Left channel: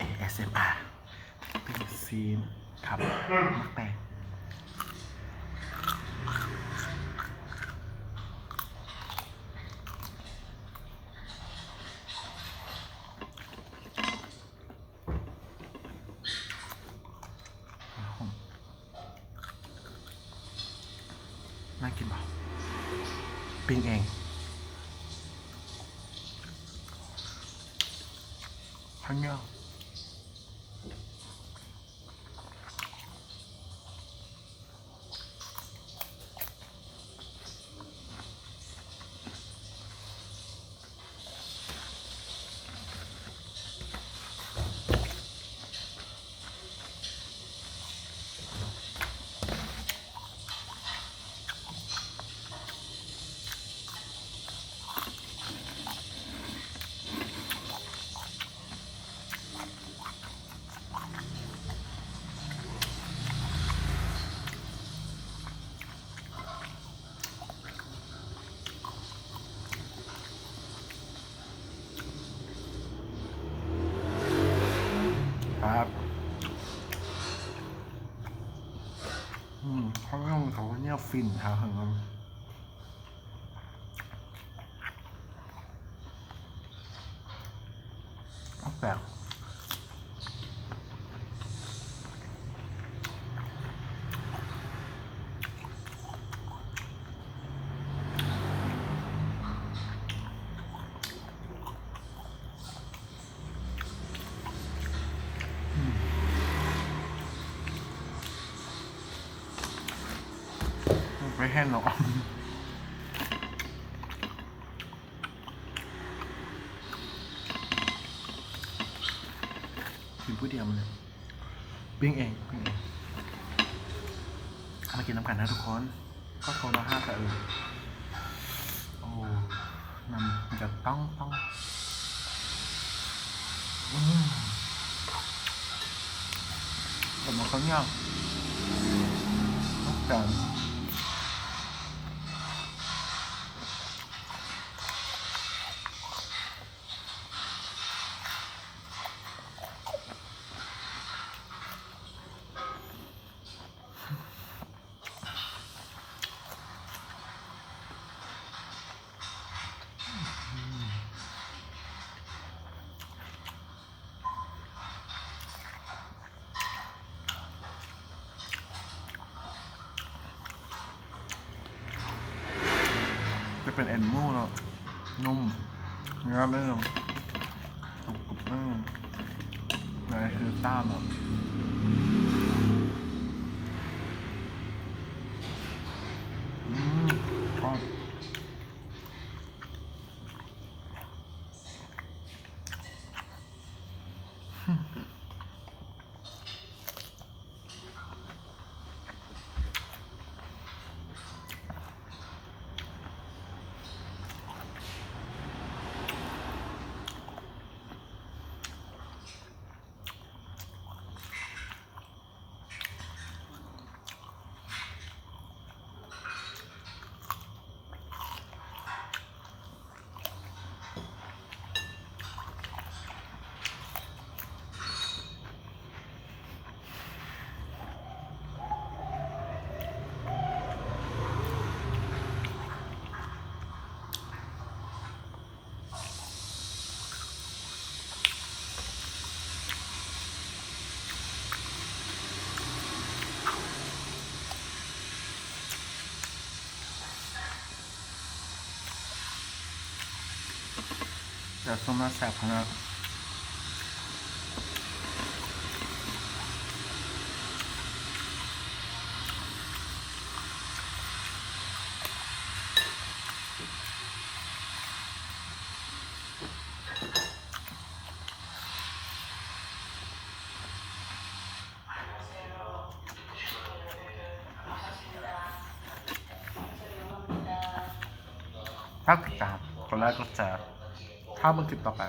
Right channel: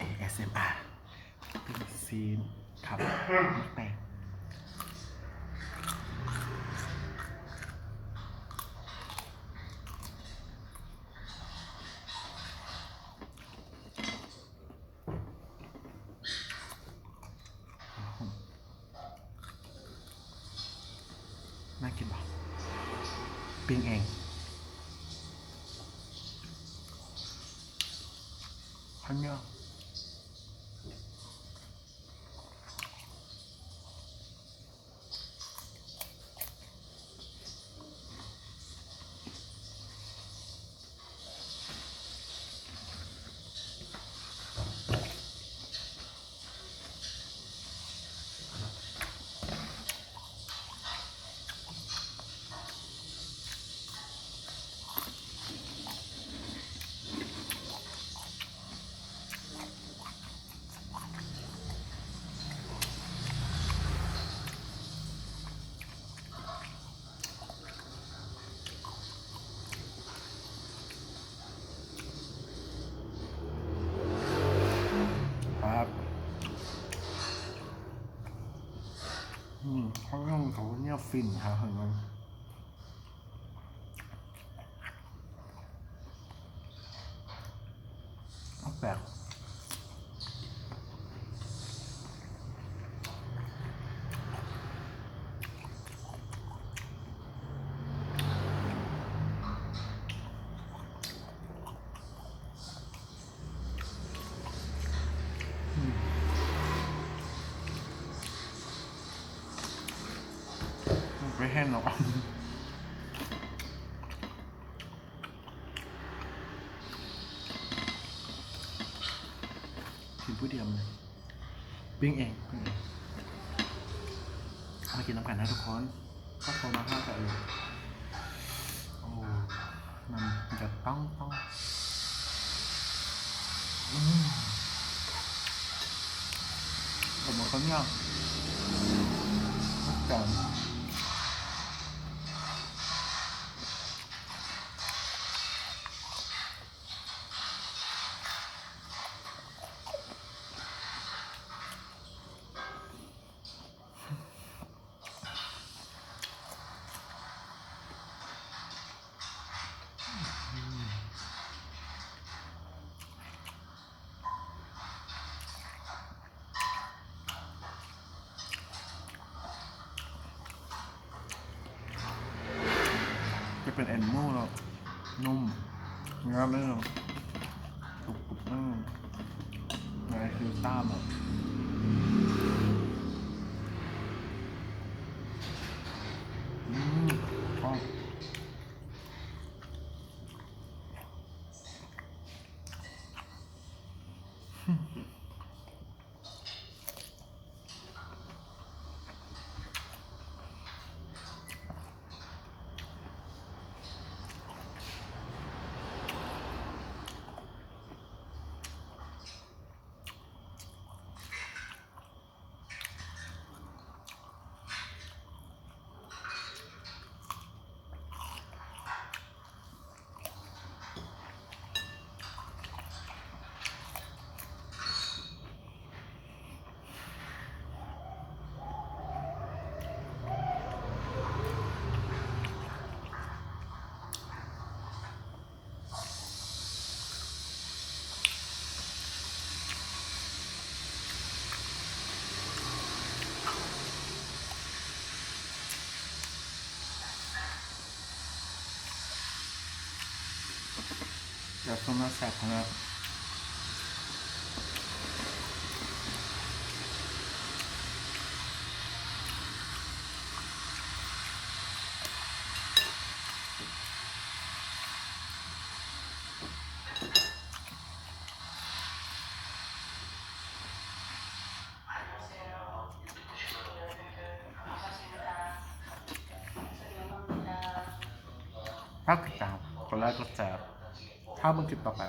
ASMR เป็นซีนครับมักแตงน่ากินเปล่าปิ้งเองข้าวเหนียวครับข้าวเหนียวเขาเนี่ยฟินครับแปลกไม่แห้งหรอกกินผู้เดียวมันเลยปิ้งเองมากินน้ำกันนะทุกคนก็โทรมาห้าแต่โอ้นำจะต้องแต่มันเขาเนี่ยต้องการจะเป็นแอนโม่แล้วนุ่มเนื้อไม่ลงกรุบๆนั่นอะไรคือต้ามอ่ะชอบจะส้มน่าแซ่บขนาดถ้าติดตามกดไลค์กดแชร์ถ้ามึงคลิปต่อไป